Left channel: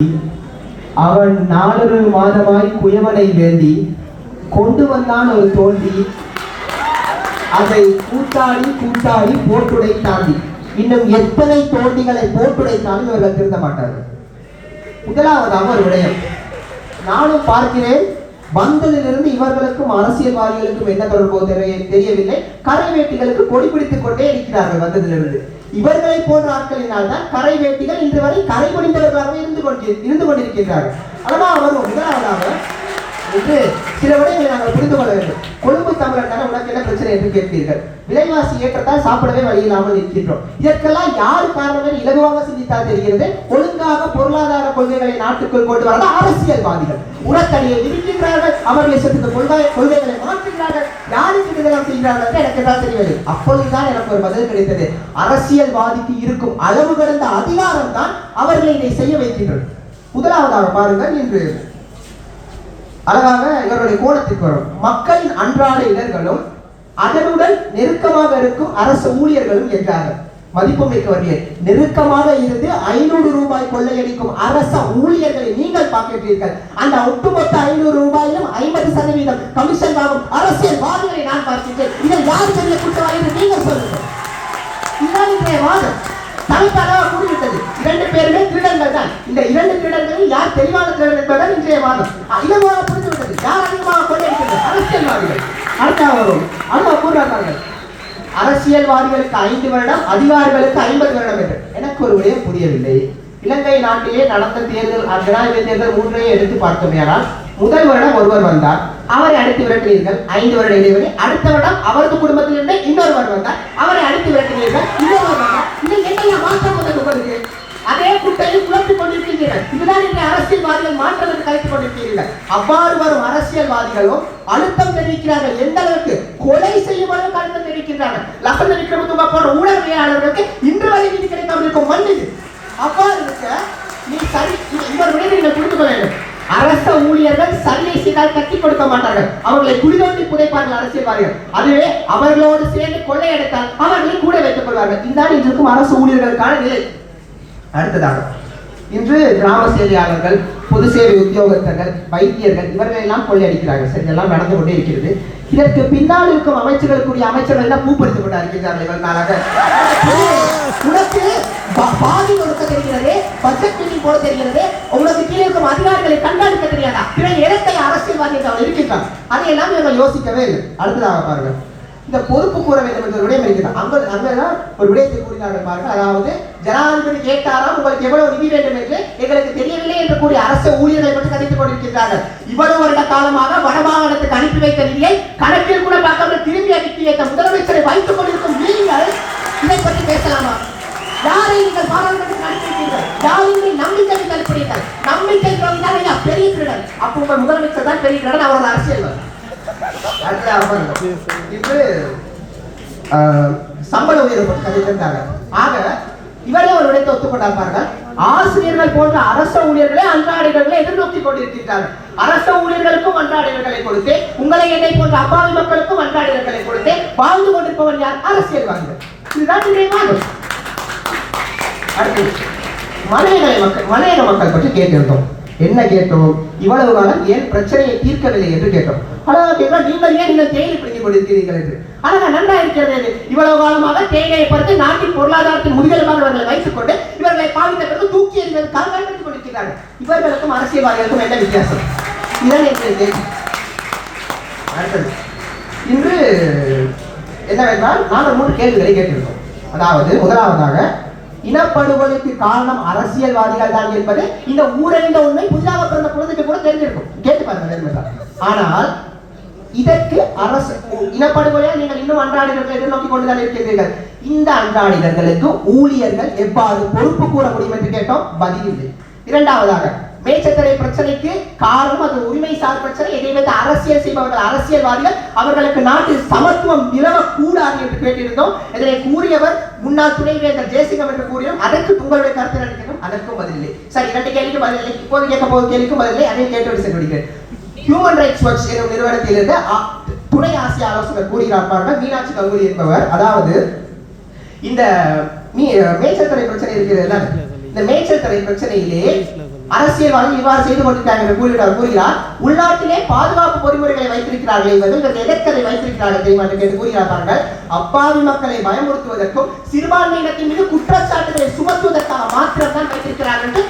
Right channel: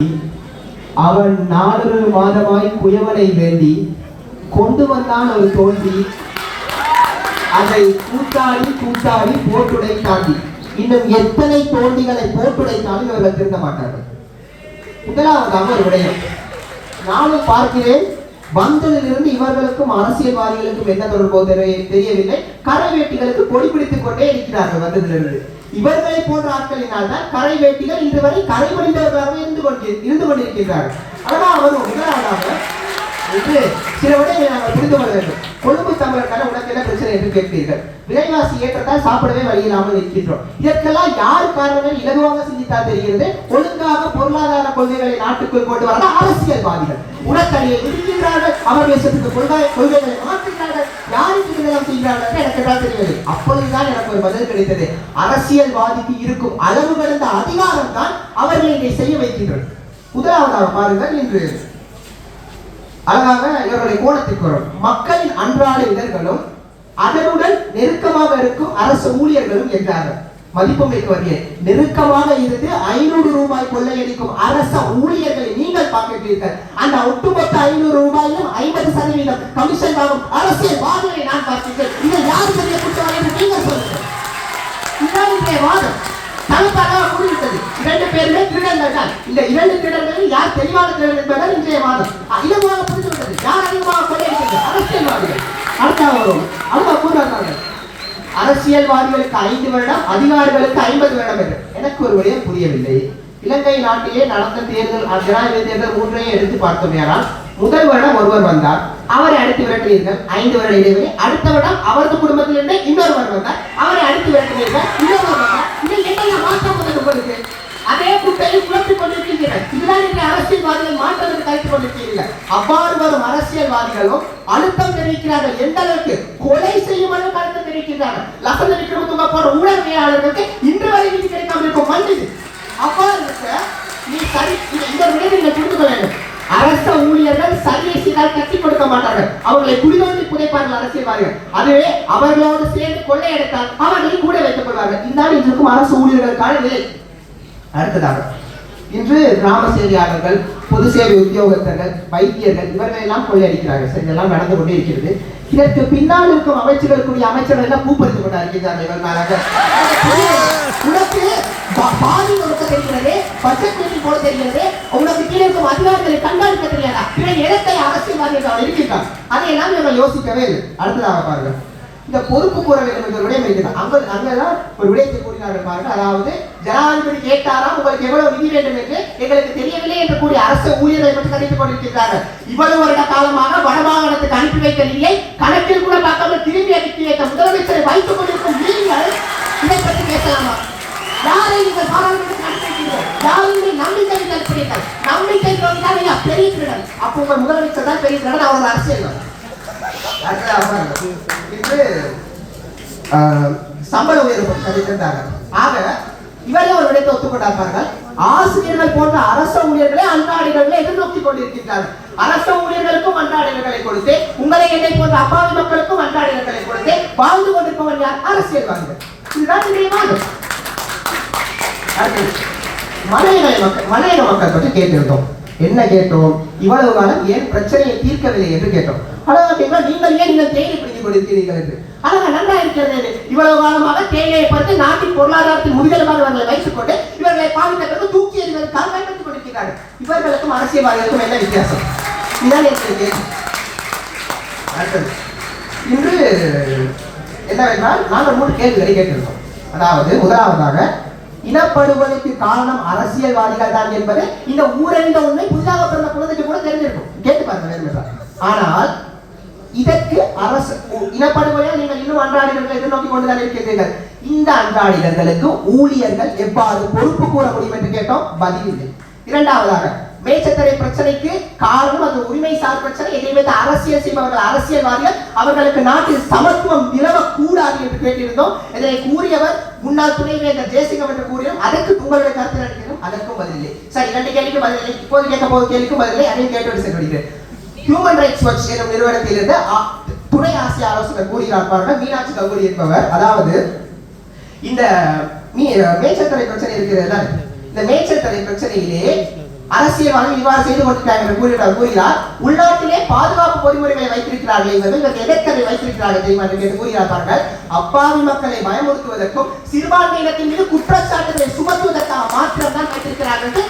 அவன் 4 மாதமாய் குயவனை வேண்டி கொண்டு வந்தான் ஒரு தோண்டி, அதை கூட்டாளி கூட்டாளி போட்டுடை தாண்டி. இன்னும் எத்தனை தோண்டிகளை போட்டுடைத்தாலும் இவர்கள் திருந்த மாட்டார்கள். முதலாவதாக ஒரு விடயம் நானும் பார்க்கிறேன். வந்ததிலிருந்து இவர்களுக்கும் அரசியல்வாதிகளுக்கும் என்ன தொடர்போ தெரியவில்லை. கரை வேட்டிகளுக்கு பொடி பிடித்துக் கொண்டே இருக்கிறார்கள். வந்ததிலிருந்து இவர்களை போன்ற ஆட்களினால் தான் கரை வேட்டிகள் இன்று வரை கரை முடிந்தவர்களாக இருந்து கொண்டிருக்கின்றார்கள். ஆனால் அவர் முதலாவதாக சில விடயங்களை நாங்கள் புரிந்து கொள்ள வேண்டும். கொழும்பு தமிழர்கள் உனக்கு என்ன பிரச்சனை என்று கேட்பீர்கள். விலைவாசி ஏற்றத்தால் சாப்பிடவே வழி இல்லாமல் இருக்கின்றோம். இதற்கெல்லாம் யார் காரணங்கள் இலகுவாக சிந்தித்தால் தெரிகிறது. ஒழுங்காக பொருளாதார கொள்கைகளை நாட்டுக்குள் கொண்டு வர அரசியல்வாதிகள் உடத்தடியை விதிக்கின்றார்கள். அவர் தேசத்துக்கு கொள்கைகளை மாற்றுகிறார்கள். யாருக்கு இதெல்லாம் செய்கிறார்கள் எனக்கு தான் தெரியாது. அப்பொழுதுதான் எனக்கு ஒரு பதில் கிடைத்தது. அரசியல்வாதிக்கு இருக்கும் அளவு கடந்த அதிகாரம் தான் அவர்களை இதை செய்ய வைக்கின்றனர். முதலாவதாக பாருங்கள், இன்று அழகாக இவருடைய கோணத்திற்கு வரும். மக்களின் அன்றாட இடர்களும் அதனுடன் நெருக்கமாக இருக்கும் அரசு ஊழியர்களும் என்றார்கள். மதிப்புமிக்கவர்களே, நெருக்கமாக இருந்து 500 ரூபாய் கொள்ளையடிக்கும் அரச ஊழியர்களை நீங்கள் பார்க்கிறீர்கள். அந்த ஒட்டுமொத்த 500 ரூபாயிலும் 50% கமிஷன் வாங்கும் அரசியல்வாதிகளை நான் பார்க்கிறேன். இதை யார் பெரிய குற்றவாளி என்று நீங்கள் சொல்லுங்கள். இதுதான் இன்றைய வாதம். தனித்தளவாக கூறிவிட்டது. 2 பேருமே திருடர்கள் தான். இந்த 2 திருடர்களில் யார் தெளிவான திருடர்கள் என்பதுதான் இன்றைய வாதம். இலகுவாக புரிந்துவிட்டது. யார் அதிகமாக கொள்ளையடிக்கிறது? அரசியல்வாதிகள். கூறுகிறார்கள் அரசியல்வாதிகளுக்கு 5 வருடம், அதிகாரிகளுக்கு 50 வருடம் என்று. எனக்கு ஒரு விடயம் புரியவில்லை. இலங்கை நாட்டிலே நடந்த தேர்தல், ஜனாதிபதி தேர்தல் 3ஐயும் எடுத்து பார்த்தோமேனால், முதல் வருடம் ஒருவர் வந்தார், அவரை அடித்து விரட்டினீர்கள், 5 வருட இடைவெளி. அடுத்த வருடம் அவரது குடும்பத்தில் இருந்து இன்னொரு வருடம் வந்தார், அவரை அடித்து விரட்டினீர்கள், இன்னொரு வருடம். இன்னும் என்ன மாற்றம் உங்களுக்கு? அதே குட்டையை குழப்பிக் கொண்டிருக்கிறீர்கள். இதுதான் இன்றைய அரசியல்வாதிகள் மாற்றம் என்று கலைத்துக் கொண்டிருக்கிறீர்கள். அவ்வாறு வரும் அரசியல்வாதிகளும் அழுத்தம் தெரிவிக்கிறார்கள். எந்த அளவுக்கு? கொலை செய்யும் அளவுக்கு அழுத்தம் தெரிவிக்கிறார்கள். லசந்த விக்ரமதுங்க போன்ற ஊடகவியலாளர்களுக்கு இன்று வரை நீதி கிடைக்காமல் இருக்கும் மண் இது. அவ்வாறு இருக்க நீ சரி, இந்த விட நீங்கள் புரிந்து கொள்ள வேண்டும். அரச ஊழியர்கள் சரியை செய்தால் கட்டி கொடுக்க மாட்டார்கள். அவர்களை குடிதொழில் புதைப்பார்கள் அரசியல்வாதிகள். அதுவே அவர்களோடு சேர்ந்து கொள்ளையடித்தால் அவர்களை கூட வைத்துக் கொள்வார்கள். இதுதான் இன்று இருக்கும் அரசு ஊழியர்களுக்கான நிலை. அடுத்ததாக, இன்று கிராம சேவையாளர்கள், பொது சேவை உத்தியோகத்தர்கள், வைத்தியர்கள் இவர்கள் எல்லாம் கொள்ளையடிக்கிறார்கள். சரி, இதெல்லாம் நடந்து கொண்டே இருக்கிறது. இதற்கு பின்னால் இருக்கும் அமைச்சர்களுக்குரிய அமைச்சர்கள் எல்லாம் பூப்படுத்திக் கொண்டிருக்கிறார்கள். இவர்களாக உனக்கு பாதி கொடுக்க தெரிகிறது, பட்ஜெட் போட தெரிகிறது, உங்களுக்கு கீழே இருக்கும் அதிகாரிகளை கண்காணிக்க தெரியாதா? பிற இடத்தை அரசியல்வாதிகள் இருக்கிறார். அதையெல்லாம் இவர்கள் யோசிக்கவே இல்லை. அடுத்ததாக பாருங்கள், இந்த பொறுப்பு கூற வேண்டும் என்ற விடயம் இருக்கிறார். அங்கதான் ஒரு விடயத்தை கூறினார்கள் பாருங்கள். அதாவது ஜனாதிபதி கேட்டாராம், உங்களுக்கு எவ்வளவு நிதி வேண்டும் என்று எங்களுக்கு தெரியவில்லை என்று கூடிய அரசு ஊழியர்களை பற்றி கணித்துக் கொண்டிருக்கிறார்கள். இவ்வளவு வருட காலமாக வடமாகாணத்துக்கு அனுப்பி வைத்த நிதியை கணக்கில் கூட பார்க்காமல் திரும்பி அனுப்பி வைத்த முதலமைச்சரை வைத்துக் கொண்டிருக்கும் நீங்கள் இதை பற்றி பேசலாமா? யாரை நீங்கள் பாராளுமன்றத்தில் அனுப்பியிருக்கீர்கள்? யாரை நம்பிக்கை இருக்கிறீர்கள்? நம்பிக்கை தான் பெரிய திருடன். அப்போ உங்கள் முதலமைச்சர் தான் பெரிய திருடன், அவர்கள் அரசியல். சம்பள உயர்வு கண்டித்தாங்க. ஆக இவரே ஒரு விடத்தை ஒத்துக்கொண்டார்கள். ஆசிரியர்கள் போன்ற அரச ஊழியர்களை அன்றாடிகளை எதிர்நோக்கி கொண்டிருக்கிறார்கள். அரச ஊழியர்களுக்கும் அன்றாடிகளை கொடுத்து, உங்களை என்னை போன்ற அப்பாவி மக்களுக்கும் அன்றாடிகளை கொடுத்து வாழ்ந்து கொண்டிருப்பவர் யார்? அரசியல்வாதிகள். இதுதான் இன்றைய வாதம். மலையக மக்கள் பற்றி கேட்டிருந்தோம். என்ன கேட்டோம்? இவ்வளவு காலம் ஏன் பிரச்சனையை தீர்க்கவில்லை என்று கேட்டோம். நீங்கள் தேயிலை பிடித்துக் கொண்டிருக்கிறீர்கள் என்று. ஆனால் நன்றா இருக்கிறது. இவ்வளவு காலமாக தேயிலையை பார்த்து நாட்டின் பொருளாதாரத்தில் முதுகெலும்பானவர்களை வைத்துக் கொண்டு இவர்களை பாதிப்பதற்கு தூக்கி எறிவதற்காக பயன்படுத்திக் கொண்டிருக்கிறார்கள். இவர்களுக்கும் அரசியல்வாதிகளுக்கும் என்ன வித்தியாசம்? இதுதான் எனக்கு. இன்று என்னவென்றால் நாங்கள் 3 கேள்விகளை கேட்டிருக்கோம். அதாவது, முதலாவதாக, இனப்படுகொலைக்கு காரணம் அரசியல்வாதிகள் தான் என்பது இந்த ஊரறிந்த உண்மை புதிதாக பிறந்த குழந்தைக்கு கூட தெரிஞ்சிருக்கும். கேட்டு பாருங்க. ஆனால் இதற்கு அரசு இனப்படுகொலை நீங்கள் இன்னும் அன்றாடிகளை எதிர்நோக்கி கொண்டுதான் இருக்கிறீர்கள். இந்த அன்றாடிகளுக்கு ஊழியர்கள் எவ்வாறு பொறுப்பு கூற முடியும் என்று கேட்டோம். பதில் இல்லை. இரண்டாவதாக, மேச்சத்தரை பிரச்சனைக்கு காரணம் அது உரிமை சார் பிரச்சனை. எதை அரசியல் செய்பவர்கள் அரசியல்வாதிகள், அவர்களுக்கு நாட்டில் சமத்துவம் நிலவக்கூடாது என்று கேட்டிருந்தோம். இதனை கூறியவர் முன்னாள் துணைவேந்தர் ஜெயசிங்கம் என்று கூறியும் அதற்கு உங்களுடைய கருத்து அளிக்கணும். அதற்கும் பதிலே. சரி, 2 கேள்விக்கு பதிலே. இப்போது கேட்க போகும் கேள்விக்கும் பதிலே. அதையும் கேட்டு செல்கிறேன். ஹியூமன் ரைட்ஸ் வாட்ச் என்ற நிறுவனத்திலிருந்து துணை ஆசிய ஆலோசகர் கூறுகிறார்கள் மீனாட்சி கவுரி என்பவர். அதாவது, இந்த மேச்சத்தரை பிரச்சனை இருக்கிறது. இந்த மேச்சத்தரை பிரச்சனையிலே அரசியல்வாதி இவ்வாறு செய்து கொண்டிருக்காங்க என்று கூறுகிறார். உள்நாட்டிலே பாதுகாப்பு பொறிமுறைகளை வைத்திருக்கிறார்கள், இவர்கள் எதற்கதை வைத்திருக்கிறார்கள் தெரியுமா என்று கூறுகிறார். பாருங்கள், அப்பாவி மக்களை பயமுறுத்துவதற்கும் சிறுபான்மையினத்தின் மீது குற்றச்சாட்டுகளை சுமத்துவதற்காக மாத்திரம் தான் வைத்திருக்கிறார்கள் என்று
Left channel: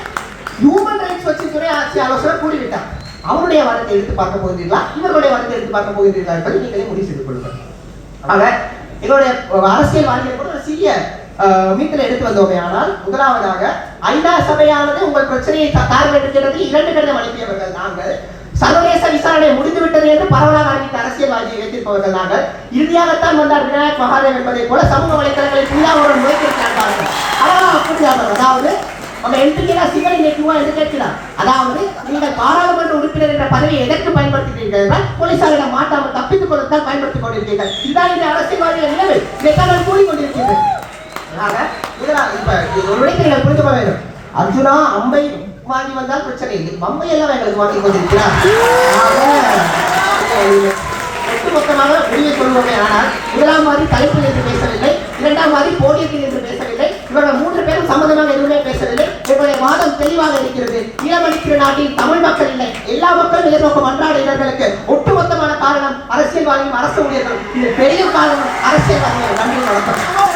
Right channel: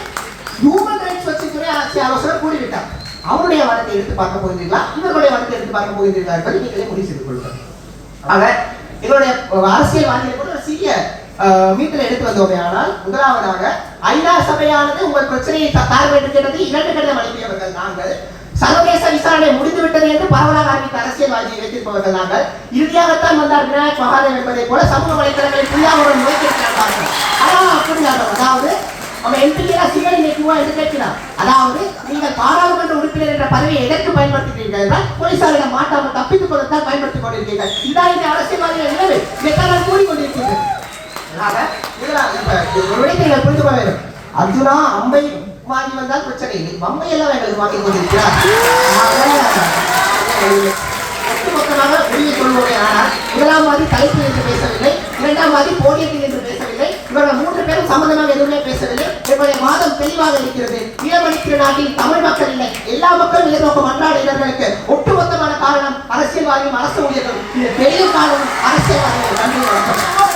ஹியூமன் ரைட்ஸ் வச்சுத்துறை ஆட்சி அவசரம் கூறிவிட்டார். அவருடைய வாதத்தை எடுத்து பார்க்க போகிறீர்களா, இவர்களுடைய வாதத்தை எடுத்து பார்க்க போகிறீர்களா என்பதை நீங்களே முடிவு செய்து கொள்ளுங்கள். ஆக என்னுடைய அரசியல்வாதிகளை கூட ஒரு சிறிய மீட்டரை எடுத்து வந்தோமே. ஆனால் முதலாவதாக ஐநா சபையானது உங்கள் பிரச்சனையை பார்வையிடுகிறது 2 கடிதம் அனுப்பியவர்கள் நாங்கள். சர்வதேச விசாரணை முடிந்துவிட்டது என்று பரவலாக அறிவித்த அரசியல்வாதியை வைத்திருப்பவர்கள் நாங்கள். இறுதியாகத்தான் வந்தார் விநாயக் மகாதேவ் என்பதை போல சமூக வலைதளங்களில் புள்ளாவுடன் நோக்கியிருக்கிறார்கள். அதாவது நம்ம எம்பியா சிவனை நிற்குமா என்று கேட்கிறார். அதாவது நீங்கள் பாராளுமன்ற உறுப்பினர் என்ற பதவியை எதற்கு பயன்படுத்துகிறீர்கள்? போலீசாரிடம் மாட்டாமல் தப்பித்துக் கொள்ளத்தான் பயன்படுத்திக் கொண்டிருக்கிறீர்கள். இதான் இந்த அரசியல்வாதிகள் உள்ளது. இதைத்தான் கூறிக்கொண்டிருக்கிறீர்கள். புரிந்து கொள்ள வேண்டும். அர்ஜுனா அம்பை வாங்கி வந்தால் பிரச்சனை இல்லை, அம்பை எல்லாம் எங்களுக்கு வாங்கி கொண்டிருக்கிறார். ஒட்டுமொத்தமாக வெளியே சொல்வோமே. ஆனால் முதலாம் மாதிரி தலைப்பில் என்று பேசவில்லை, இரண்டாம் மாதிரி போடியத்தில் என்று பேசவில்லை, இவர்கள் 3 பேரும் சம்பந்தமாக எதுவுமே பேசவில்லை. என்னுடைய வாதம் தெளிவாக இருக்கிறது. ஈழமணித்திரு நாட்டில் தமிழ் மக்கள் இல்லை, எல்லா மக்களும் எதிர்நோக்கம் அன்றாடுகிறவர்களுக்கு ஒட்டுமொத்தமான காரணம் அரசியல்வாதியும் அரசு ஊழியர்களும். இது பெரிய காரணம் அரசியல்வாதிகள். நன்றி வணக்கம்.